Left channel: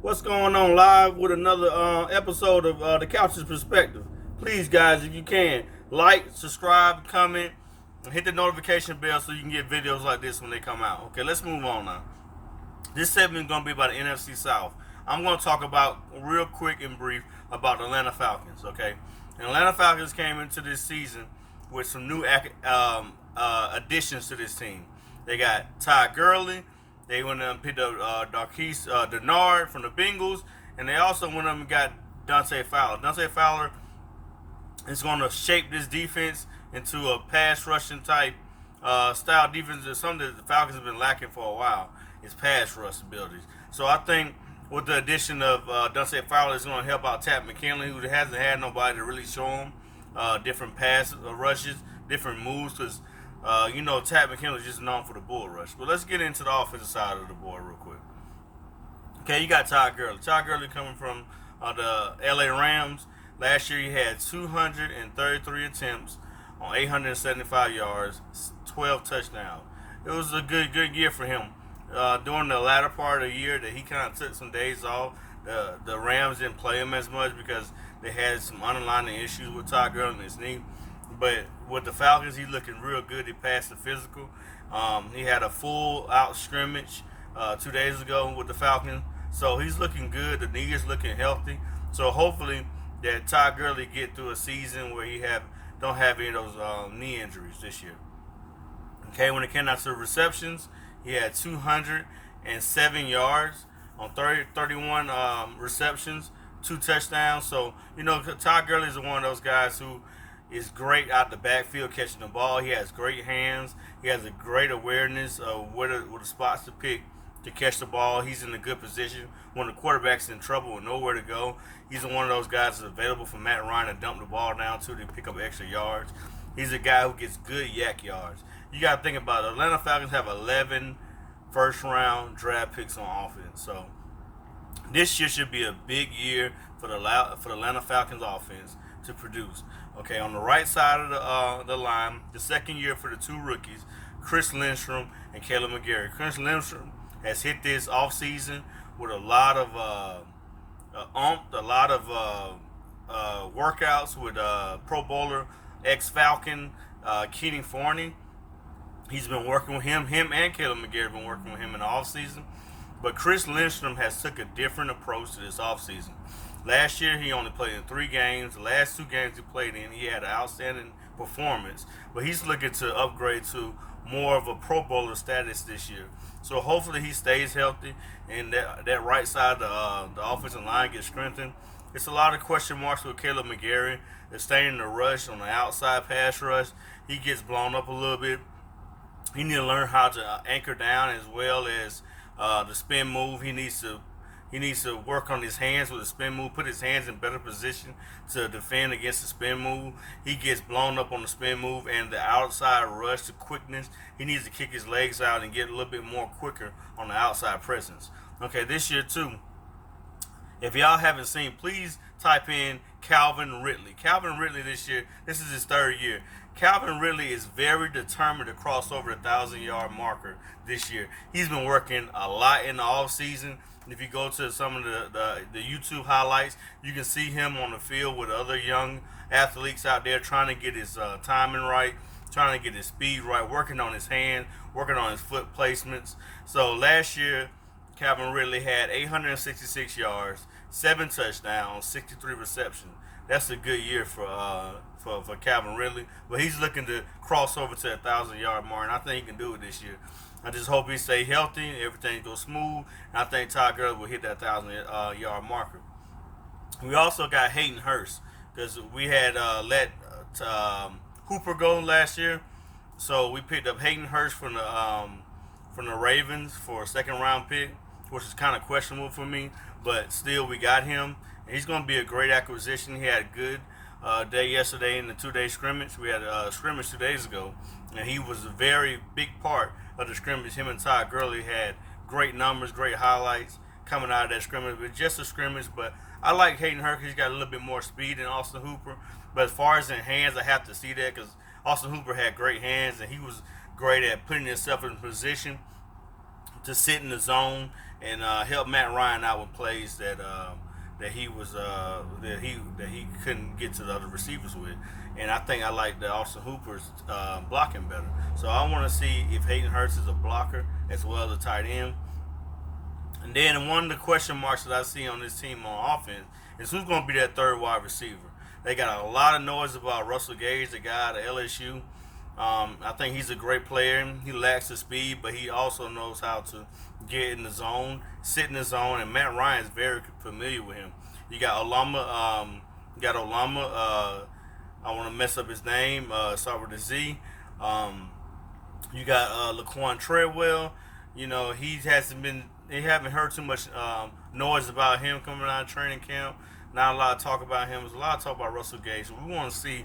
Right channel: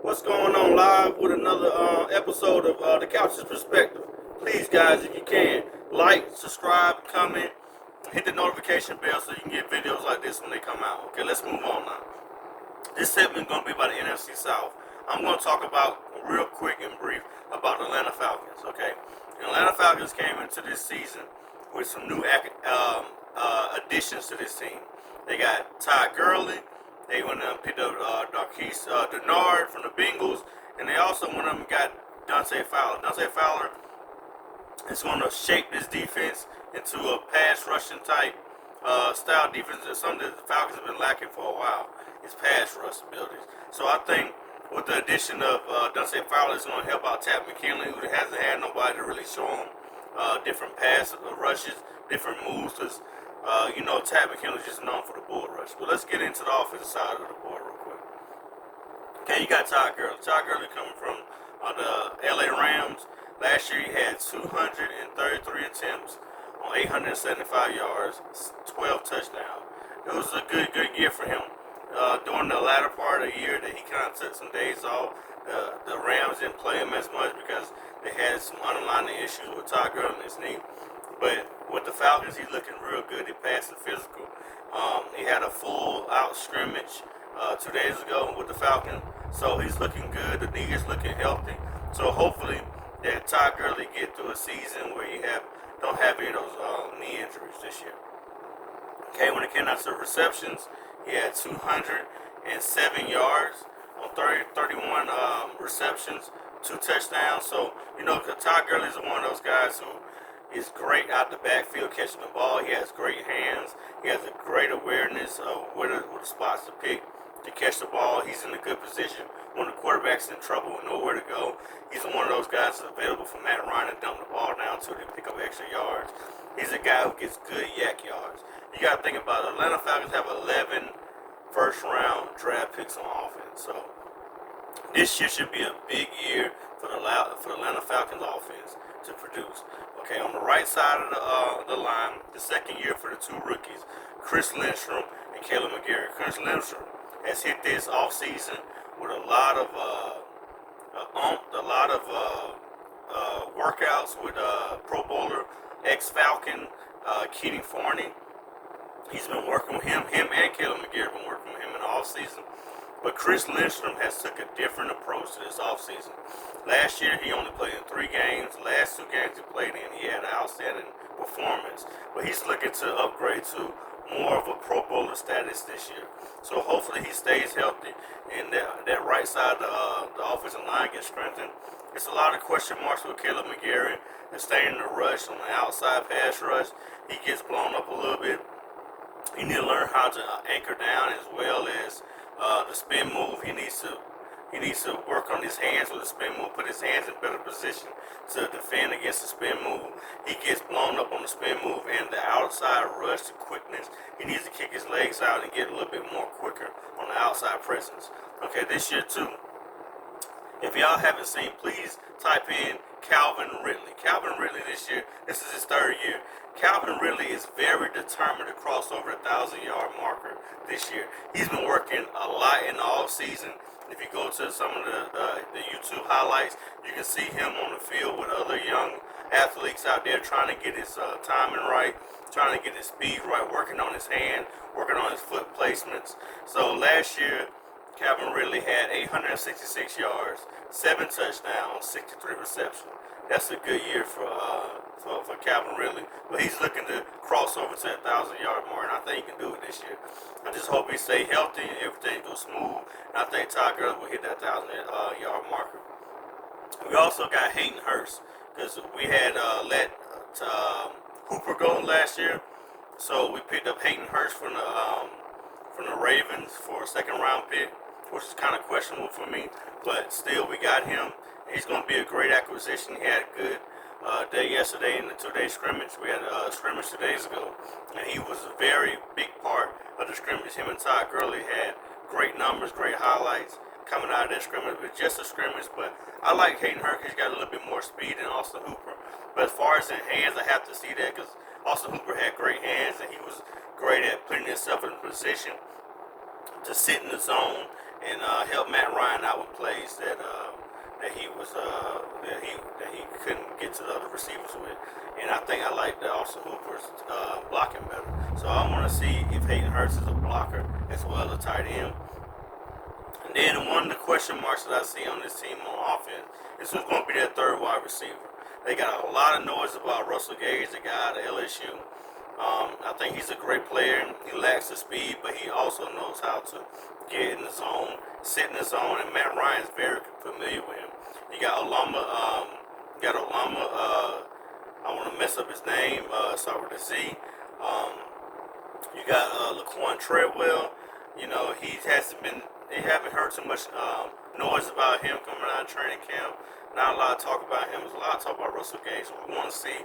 What's going on live with another episode of the Couch's Perspective. Please, guys, if you can, like, subscribe, comment, hit the notification bell so you can get videos like this when they come out. Okay, let's move on now. This segment is going to be about the NFC South. I'm going to talk about, real quick and brief, about the Atlanta Falcons. Okay, the Atlanta Falcons came into this season with some new additions to this team. They got Ty Gurley. They went up and picked up Darquise Denard from the Bengals, and they also went up and got Dante Fowler. Dante Fowler is going to shape this defense into a pass rushing type style defense. Is something that the Falcons have been lacking for a while. Is pass rush abilities. So I think with the addition of Dante Fowler, it's going to help out Tat McKinley, who hasn't had nobody to really show him different pass rushes, different moves. Because Tat McKinley is just known for the bull rush. But let's get into the offensive side of the ball real quick. Okay, you got Todd Gurley. Todd Gurley coming from the LA Rams. Last year he had 233 attempts on 875 yards, 12 touchdowns. It was a good year for him. During the latter part of the year that he kind of took some days off, the Rams didn't play him as much because they had some underlying issues with Todd Gurley and his knee. But with the Falcons, he's looking real good. He passed the physical. He had a full out scrimmage 2 days ago with the Falcons. So he's looking good. The knee is looking healthy. So hopefully that Todd Gurley get through a season where he don't have any of those knee injuries this year. Okay, when it came out to receptions, he had 207 yards on 31 receptions, 2 touchdowns. So, Todd Gurley is one of those guys who is great out the backfield catching the ball. He has great hands. He has a great awareness of where the spots to pick to catch the ball. He's in a good position when the quarterback's in trouble with nowhere to go. He's one of those guys that's available for Matt Ryan to dump the ball down to pick up extra yards. He's a guy who gets good yak yards. You got to think about it. Atlanta Falcons have 11 first-round draft picks on offense. So this year should be a big year for the Atlanta Falcons offense to produce. Okay, on the right side of the line, the second year for the two rookies, Chris Lindstrom and Caleb McGarry. Chris Lindstrom has hit this offseason with a lot of workouts with Pro Bowler ex-Falcon Keating Forney. He's been working with him and Caleb McGarry have been working with him in the offseason. But Chris Lindstrom has took a different approach to this offseason. Last year, he only played in 3 games. The last 2 games he played in, he had an outstanding performance. But he's looking to upgrade to more of a Pro Bowler status this year. So hopefully he stays healthy and that right side of the offensive line gets strengthened. It's a lot of question marks with Caleb McGarry. They're staying in the rush on the outside pass rush. He gets blown up a little bit. He needs to learn how to anchor down as well as the spin move. He needs to work on his hands with the spin move, put his hands in better position to defend against the spin move. He gets blown up on the spin move and the outside rush, the quickness. He needs to kick his legs out and get a little bit more quicker on the outside presence. Okay, this year too, if y'all haven't seen, please type in Calvin Ridley. Calvin Ridley this year, this is his 3rd year. Calvin Ridley is very determined to cross over the 1,000-yard marker this year. He's been working a lot in the offseason. If you go to some of the YouTube highlights, you can see him on the field with other young athletes out there trying to get his timing right, trying to get his speed right, working on his hand, working on his foot placements. So last year, Calvin Ridley had 866 yards, 7 touchdowns, 63 receptions. That's a good year for Calvin Ridley. But he's looking to cross over to that 1,000-yard mark, and I think he can do it this year. I just hope he stay healthy, everything goes smooth, and I think Todd Gurley will hit that 1,000-yard marker. We also got Hayden Hurst because we had let Hooper go last year, so we picked up Hayden Hurst from the Ravens for a 2nd-round pick, which is kind of questionable for me, but still we got him. He's going to be a great acquisition. He had a good day yesterday in the 2-day scrimmage. We had a scrimmage 2 days ago, and he was a very big part of the scrimmage. Him and Todd Gurley had great numbers, great highlights coming out of that scrimmage. But just a scrimmage, but I like Hayden Hurst. He's got a little bit more speed than Austin Hooper. But as far as in hands, I have to see that because Austin Hooper had great hands, and he was great at putting himself in position to sit in the zone and help Matt Ryan out with plays that he couldn't get to the other receivers with. And I think I like the Austin Hooper's blocking better. So I want to see if Hayden Hurst is a blocker as well as a tight end. And then one of the question marks that I see on this team on offense is who's going to be that third wide receiver. They got a lot of noise about Russell Gage, the guy at LSU. I think he's a great player. He lacks the speed, but he also knows how to get in the zone, sit in the zone, and Matt Ryan is very familiar with him. You got Olama. I want to mess up his name. Start with a Z. You got Laquan Treadwell. You know, they haven't heard too much noise about him coming out of training camp. Not a lot of talk about him. There's a lot of talk about Russell Gage. So we want to see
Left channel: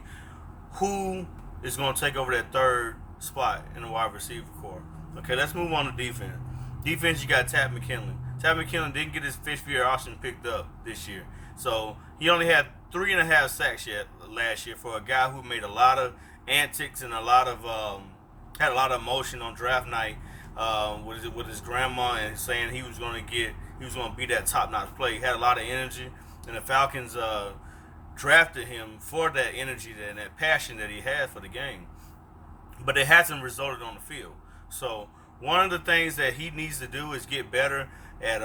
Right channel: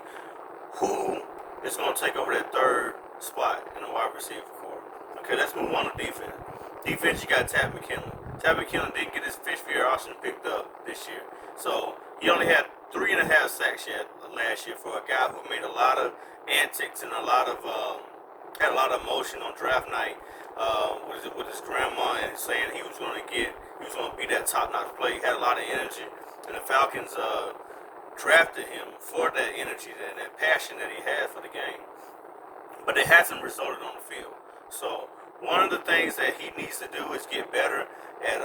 who is going to take over that third spot in the wide receiver corps. Okay, let's move on to defense. Defense, you got Tad McKinley. Tad McKinley didn't get his fifth-year option picked up this year. So he only had 3.5 sacks last year for a guy who made a lot of antics and had a lot of emotion on draft night with his grandma and saying he was going to be that top-notch player. He had a lot of energy, and the Falcons drafted him for that energy and that passion that he had for the game. But it hasn't resulted on the field. So one of the things that he needs to do is get better at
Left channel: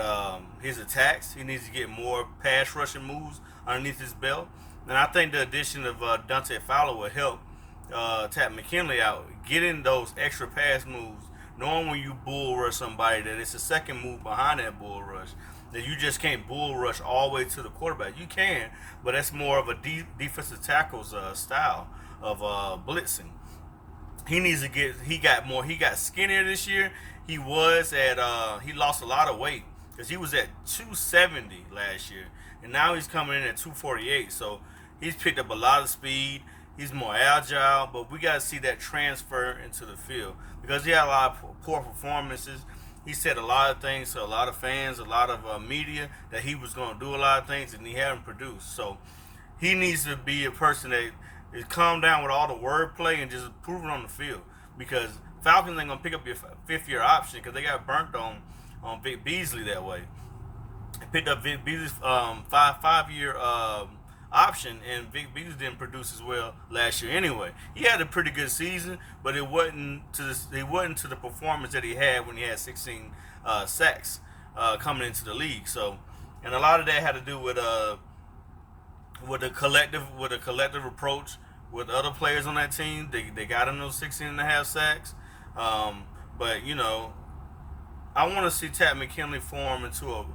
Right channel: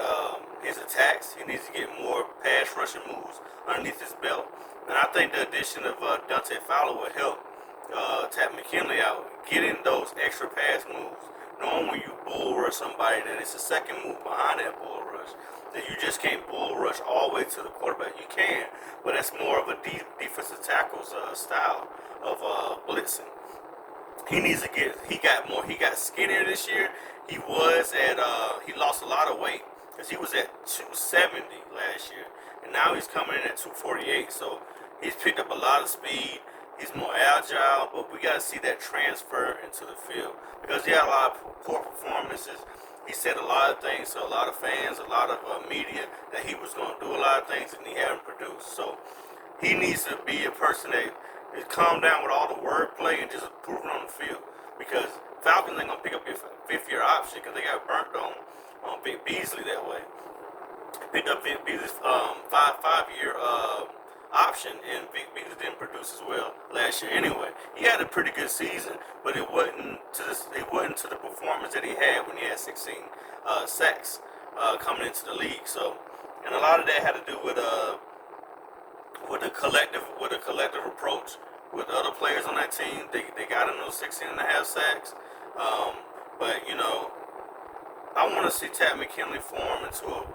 his attacks. He needs to get more pass rushing moves underneath his belt. And I think the addition of Dante Fowler will help Tad McKinley out, getting those extra pass moves, knowing when you bull rush somebody that it's a second move behind that bull rush, that you just can't bull rush all the way to the quarterback. You can, but that's more of a defensive tackle's style of blitzing. He got skinnier this year. He lost a lot of weight because he was at 270 last year, and now he's coming in at 248. So he's picked up a lot of speed. He's more agile, but we got to see that transfer into the field because he had a lot of poor performances. He said a lot of things to a lot of fans, a lot of media, that he was going to do a lot of things, and he hadn't produced. So he needs to be a person that is calm down with all the wordplay and just prove it on the field, because Falcons ain't going to pick up your fifth-year option because they got burnt on Vic Beasley that way. Picked up Vic Beasley's five-year option, and Vic Beasley didn't produce as well last year anyway. He had a pretty good season, but it wasn't to the performance that he had when he had 16 sacks coming into the league. So, and a lot of that had to do with a collective approach with other players on that team. They got him those 16.5 sacks. But you know, I want to see Tad McKinley form into a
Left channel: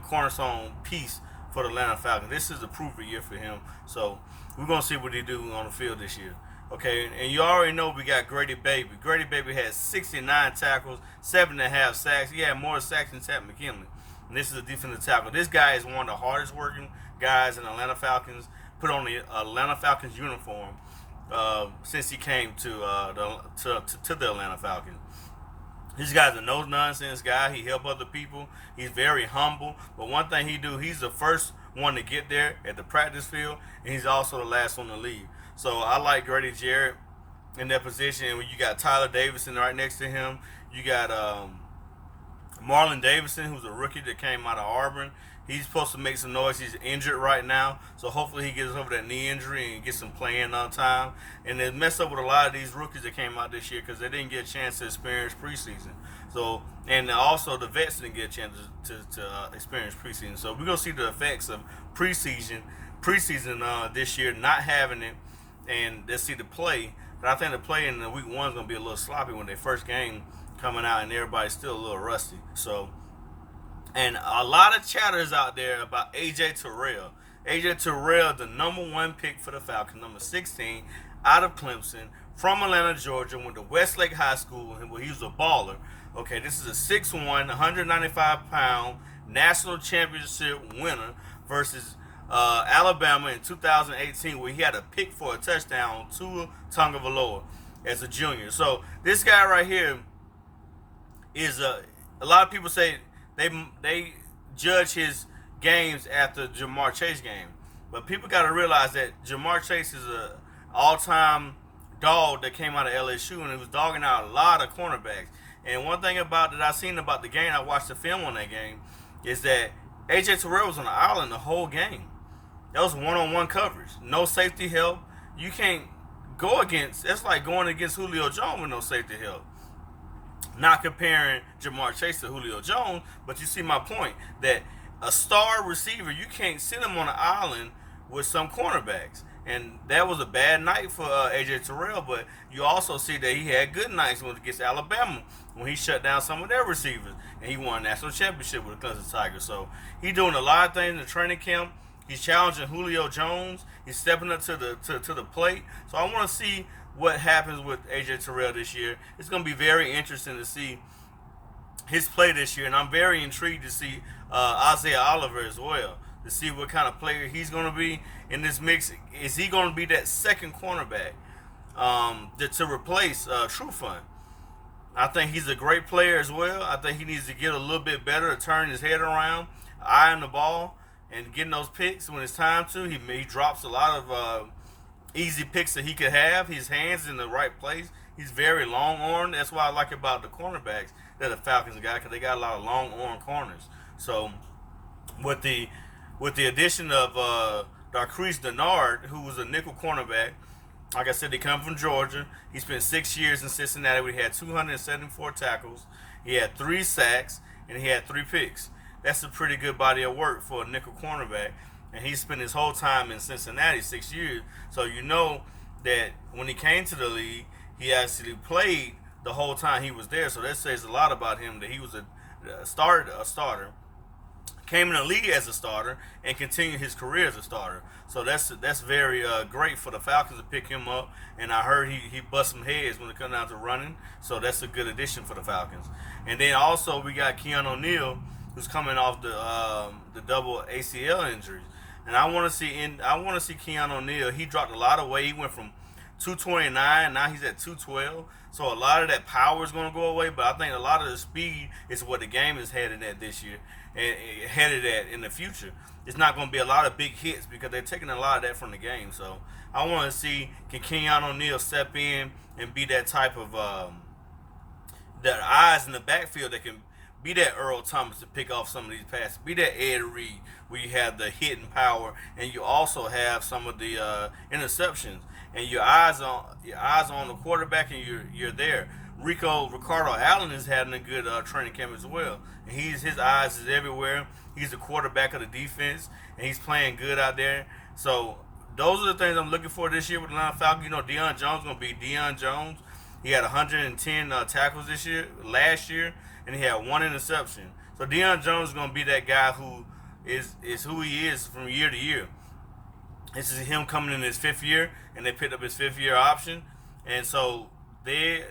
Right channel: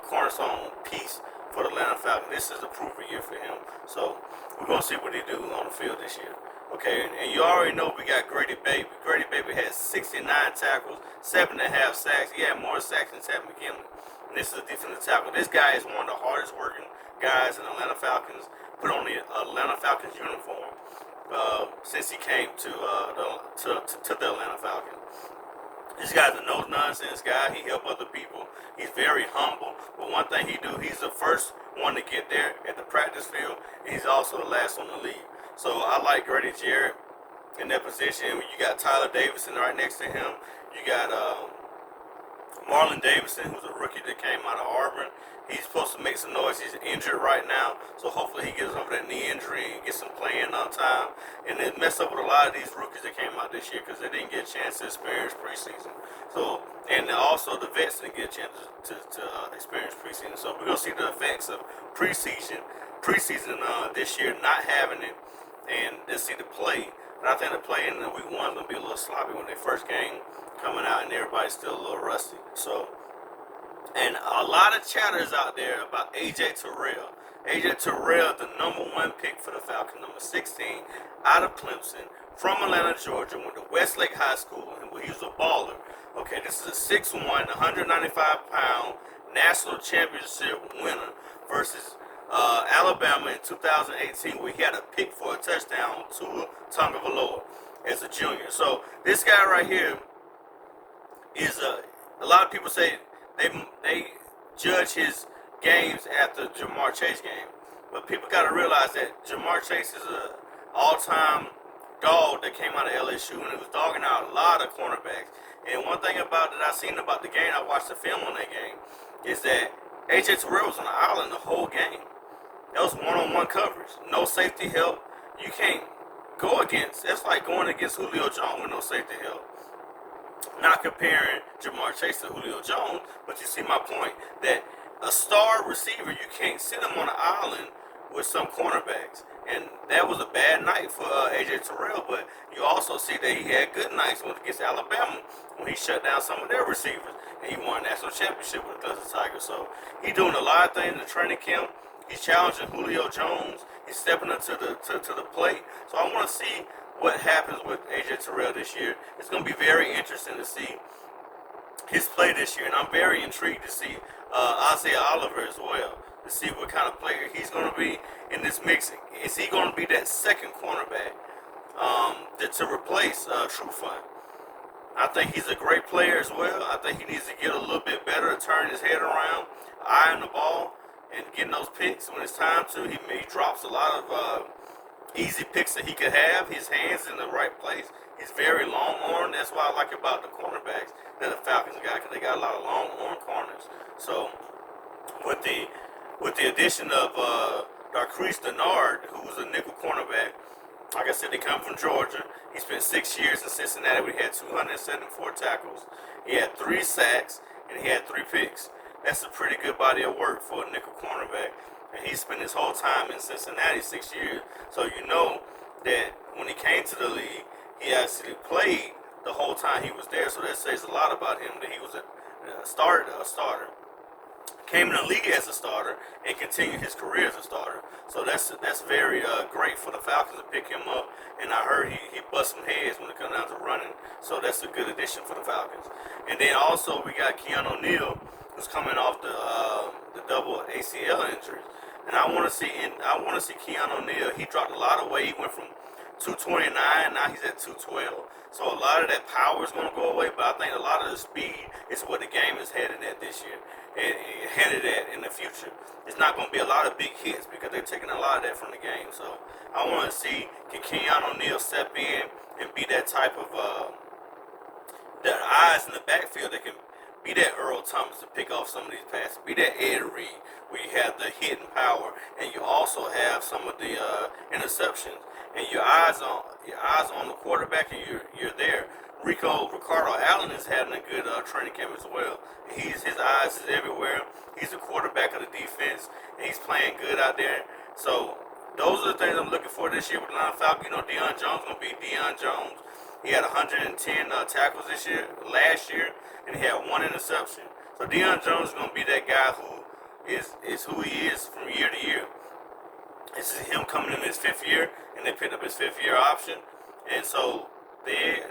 cornerstone piece for the Atlanta Falcons. This is a proven year for him. So we're going to see what he do on the field this year. Okay, and you already know we got Grady Baby. Grady Baby had 69 tackles, 7.5 sacks. He had more sacks than Tad McKinley. And this is a defensive tackle. This guy is one of the hardest working guys in the Atlanta Falcons, put on the Atlanta Falcons uniform since he came to the Atlanta Falcons. This guy's a no-nonsense guy. He helps other people. He's very humble. But one thing he's the first one to get there at the practice field, and he's also the last one to leave. So I like Grady Jarrett in that position. You got Tyler Davison right next to him. You got Marlon Davidson, who's a rookie that came out of Auburn. He's supposed to make some noise. He's injured right now, so hopefully he gets over that knee injury and gets some playing on time. And it messed up with a lot of these rookies that came out this year because they didn't get a chance to experience preseason. So, and also the vets didn't get a chance to experience preseason. So we're gonna see the effects of preseason this year, not having it, and let's see the play. But I think the play in week 1 is gonna be a little sloppy when their first game coming out and everybody's still a little rusty. So. And a lot of chatter is out there about A.J. Terrell. A.J. Terrell, the number 1 pick for the Falcons, number 16, out of Clemson, from Atlanta, Georgia, went to Westlake High School, and he was a baller. Okay, this is a 6'1", 195-pound national championship winner versus Alabama in 2018, where he had a pick for a touchdown on Tua Tagovailoa as a junior. So this guy right here is a lot of people say they judge his games after Jamar Chase game. But people got to realize that Jamar Chase is an all-time dog that came out of LSU, and it was dogging out a lot of cornerbacks. And one thing that I seen about the game, I watched the film on that game, is that AJ Terrell was on the island the whole game. That was one-on-one coverage. No safety help. You can't go against. That's like going against Julio Jones with no safety help. Not comparing Jamar Chase to Julio Jones, but you see my point that a star receiver, you can't sit him on the island with some cornerbacks. And that was a bad night for AJ Terrell, but you also see that he had good nights when against Alabama when he shut down some of their receivers and he won a national championship with the Clemson Tigers. So he's doing a lot of things in the training camp. He's challenging Julio Jones. He's stepping up to the plate. So I want to see what happens with AJ Terrell this year. It's going to be very interesting to see his play this year, and I'm very intrigued to see Isaiah Oliver as well, to see what kind of player he's going to be in this mix. Is he going to be that second cornerback to replace Trufant? I think he's a great player as well. I think he needs to get a little bit better to turn his head around, eyeing the ball, and getting those picks when it's time to. He drops a lot of easy picks that he could have. His hands in the right place. He's very long-armed. That's what I like about the cornerbacks that the Falcons got, because they got a lot of long-armed corners. So with the addition of Darqueze Dennard, who was a nickel cornerback, like I said, they come from Georgia. He spent 6 years in Cincinnati where he had 274 tackles. He had 3 sacks, and he had 3 picks. That's a pretty good body of work for a nickel cornerback. And he spent his whole time in Cincinnati, 6 years. So you know that when he came to the league, he actually played the whole time he was there. So that says a lot about him, that he was a starter. Came in the league as a starter and continued his career as a starter. So that's very great for the Falcons to pick him up. And I heard he bust some heads when it comes down to running. So that's a good addition for the Falcons. And then also we got Keanu Neal, who's coming off the double ACL injuries. And I want to see Keanu Neal. He dropped a lot of weight. He went from 229, now he's at 212. So a lot of that power is going to go away, but I think a lot of the speed is what the game is headed at this year, and headed at in the future. It's not going to be a lot of big hits because they're taking a lot of that from the game. So I want to see, can Keanu Neal step in and be that type of that eyes in the backfield that can be that Earl Thomas to pick off some of these passes, be that Ed Reed where you have the hitting power and you also have some of the interceptions, and your eyes on the quarterback, and you're there. Ricardo Allen is having a good training camp as well. His eyes is everywhere. He's the quarterback of the defense, and he's playing good out there. So those are the things I'm looking for this year with the Atlanta Falcons. You know, Deion Jones is going to be Deion Jones. He had 110 tackles last year, and he had 1 interception. So Deion Jones is going to be that guy who is who he is from year to year. This is him coming in his 5th year, and they picked up his 5th year option, and so they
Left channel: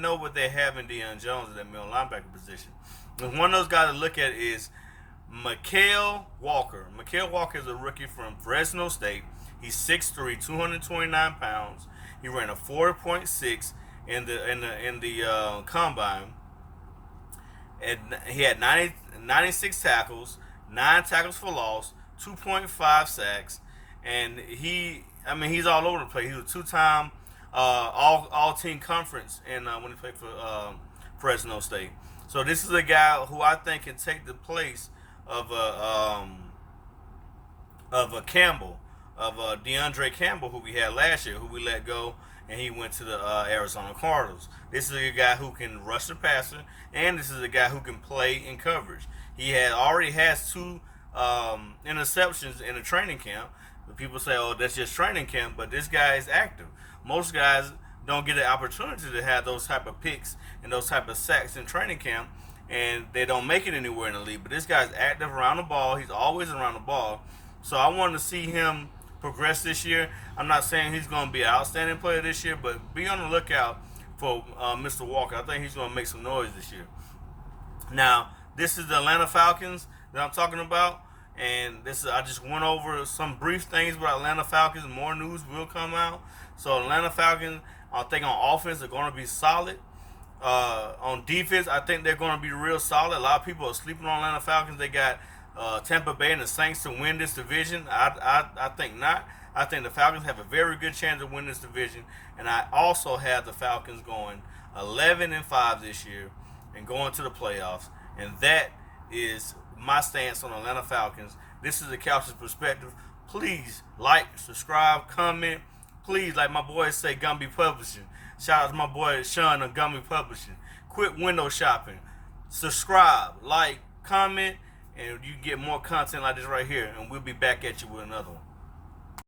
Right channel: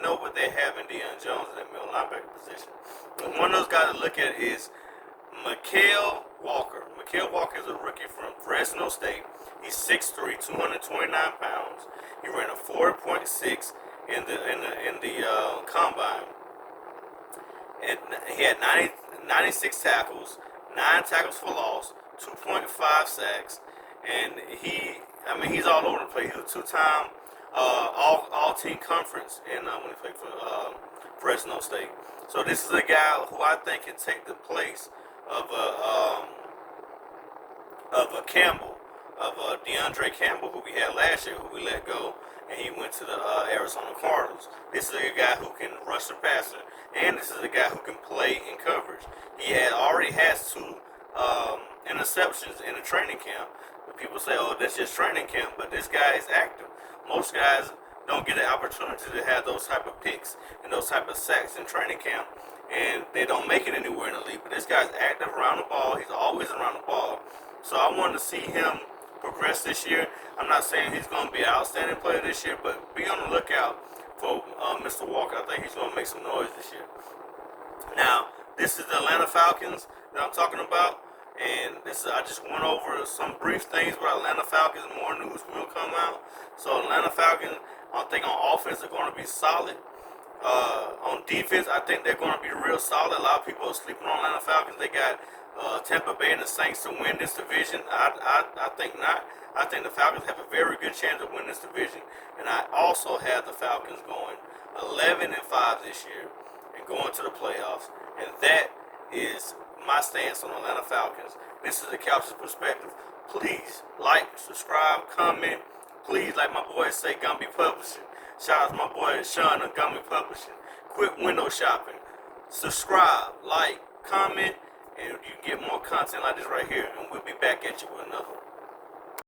know what they have in Deion Jones in that middle linebacker position. And one of those guys to look at is Mikael Walker. Mikael Walker is a rookie from Fresno State. He's 6'3", 229 pounds. He ran a 4.6 in the combine, and he had 96 tackles, 9 tackles for loss, 2.5 sacks, and he's all over the place. He was a 2-time all-team conference when he played for Fresno State. So this is a guy who I think can take the place of Campbell, of DeAndre Campbell, who we had last year, who we let go, and he went to the Arizona Cardinals. This is a guy who can rush the passer, and this is a guy who can play in coverage. He already has 2 interceptions in the training camp. People say, oh, that's just training camp, but this guy is active. Most guys don't get an opportunity to have those type of picks and those type of sacks in training camp, and they don't make it anywhere in the league. But this guy's active around the ball. He's always around the ball. So I wanted to see him progress this year. I'm not saying he's going to be an outstanding player this year, but be on the lookout for Mr. Walker. I think he's going to make some noise this year. Now, this is the Atlanta Falcons that I'm talking about. And I just went over some brief things about Atlanta Falcons. More news will come out. So Atlanta Falcons, I think on offense, are going to be solid. On defense, I think they're going to be real solid. A lot of people are sleeping on Atlanta Falcons. They got Tampa Bay and the Saints to win this division. I think not. I think the Falcons have a very good chance of winning this division. And I also have the Falcons going 11-5 this year and going to the playoffs. And that is my stance on Atlanta Falcons. This is the Couch's perspective. Please like, subscribe, comment. Please, like my boys say, Gumby Publishing. Shout out to my boy Sean of Gumby Publishing. Quit window shopping. Subscribe, like, comment, and you get more content like this right here. And we'll be back at you with another one.